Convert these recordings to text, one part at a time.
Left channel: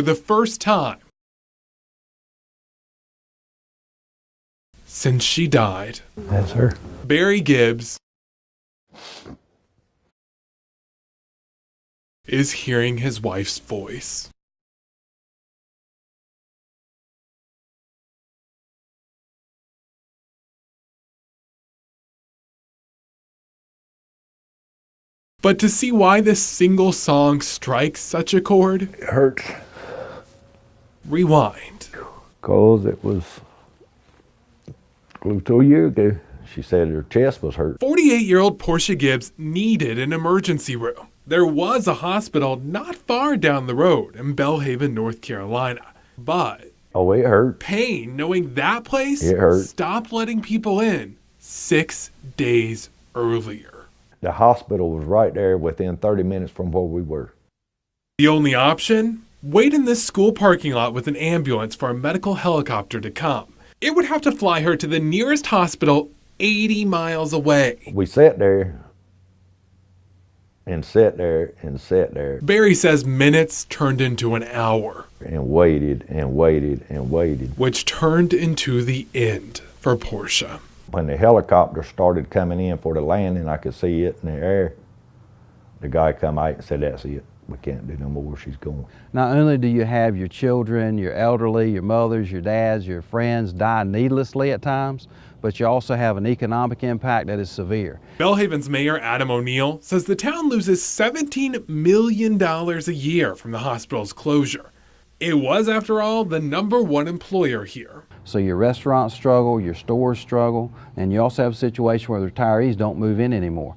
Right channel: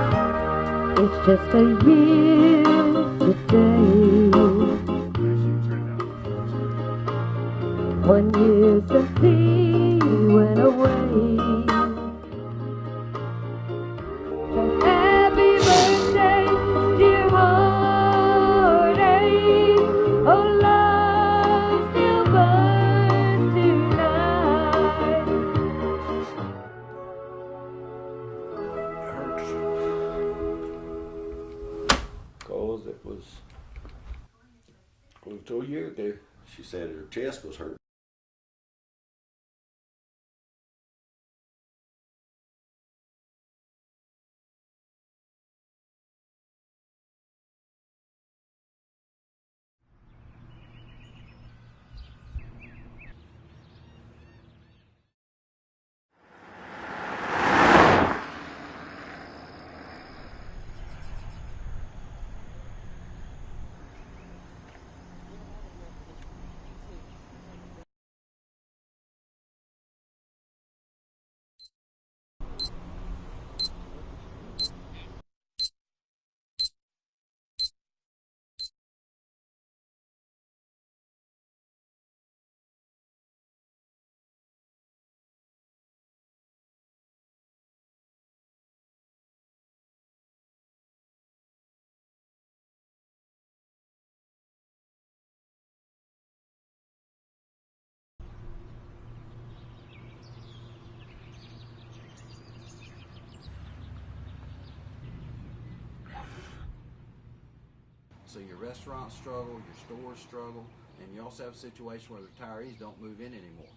for the first time It's just a year today. since she died. That's her. Barry Gibbs 1 year since he went away. is hearing his wife's voice. Happy birthday, dear Marty. Oh, love still burns tonight. But to see why this single song strikes such a chord, It hurts rewind. because it was close to a year ago. She said her chest was hurt. 48-year-old Portia Gibbs needed an emergency room. There was a hospital not far down the road in Belhaven, North Carolina. But Oh, it hurt. pain knowing that place It hurt. stopped letting people in 6 days earlier. The hospital was right there within 30 minutes from where we were. The only option? Wait in this school parking lot with an ambulance for a medical helicopter to come. It would have to fly her to the nearest hospital 80 miles away. We sat there and sat there and sat there Barry says minutes turned into an hour, and waited and waited and waited. which turned into the end for Portia. When the helicopter started coming in for the landing, I could see it in the air. The guy come out and said, "That's it. We can't do no more. She's gone." Not only do you have your children, your elderly, your mothers, your dads, your friends die needlessly at times, but you also have an economic impact that is severe. Belhaven's mayor, Adam O'Neill, says the town loses $17 million a year from the hospital's closure. It was, after all, the #1 employer here. So your restaurants struggle, your stores struggle, and you also have a situation where the retirees don't move in anymore.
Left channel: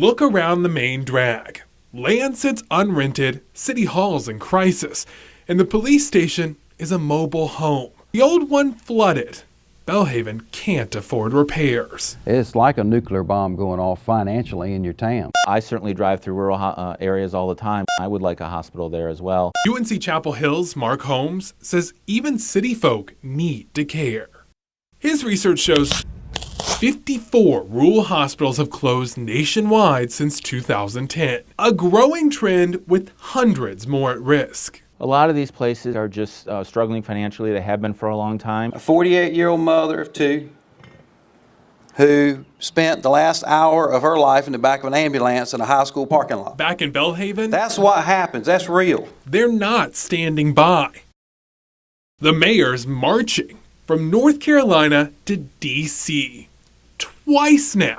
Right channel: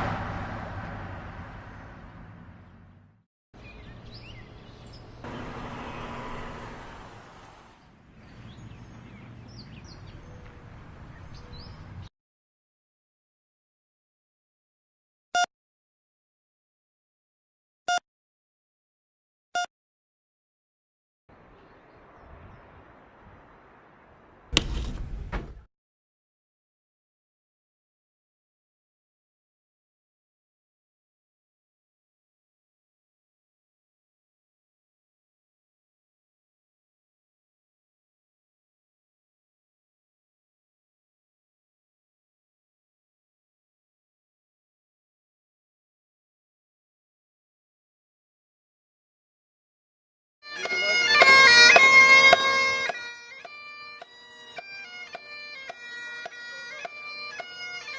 Look around the main drag. Land sits unrented, City Hall's in crisis, and the police station is a mobile home. The old one flooded. Belhaven can't afford repairs. It's like a nuclear bomb going off financially in your town. I certainly drive through rural areas all the time. I would like a hospital there as well. UNC Chapel Hill's Mark Holmes says even city folk need to care. His research shows 54 rural hospitals have closed nationwide since 2010, a growing trend with hundreds more at risk. A lot of these places are just struggling financially. They have been for a long time. A 48-year-old mother of two who spent the last hour of her life in the back of an ambulance in a high school parking lot. Back in Belhaven, That's what happens. That's real. they're not standing by. The mayor's marching from North Carolina to D.C. twice now,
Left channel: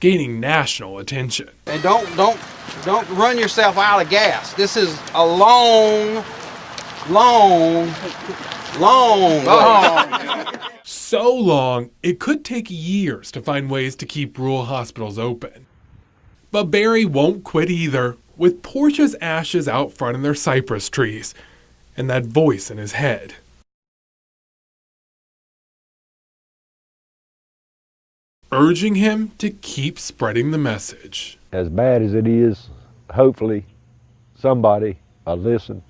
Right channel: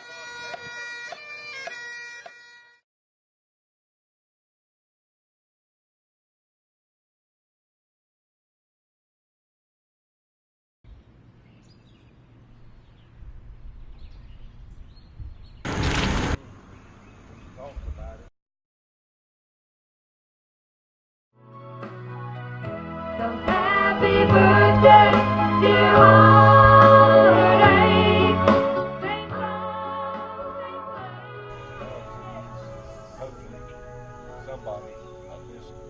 gaining national attention. And don't run yourself out of gas. This is a long So long, it could take years to find ways to keep rural hospitals open. But Barry won't quit either, with Portia's ashes out front in their cypress trees, and that voice in his head. Happy birthday, dear Marty. Urging him to keep spreading the message. As bad as it is, hopefully somebody will listen.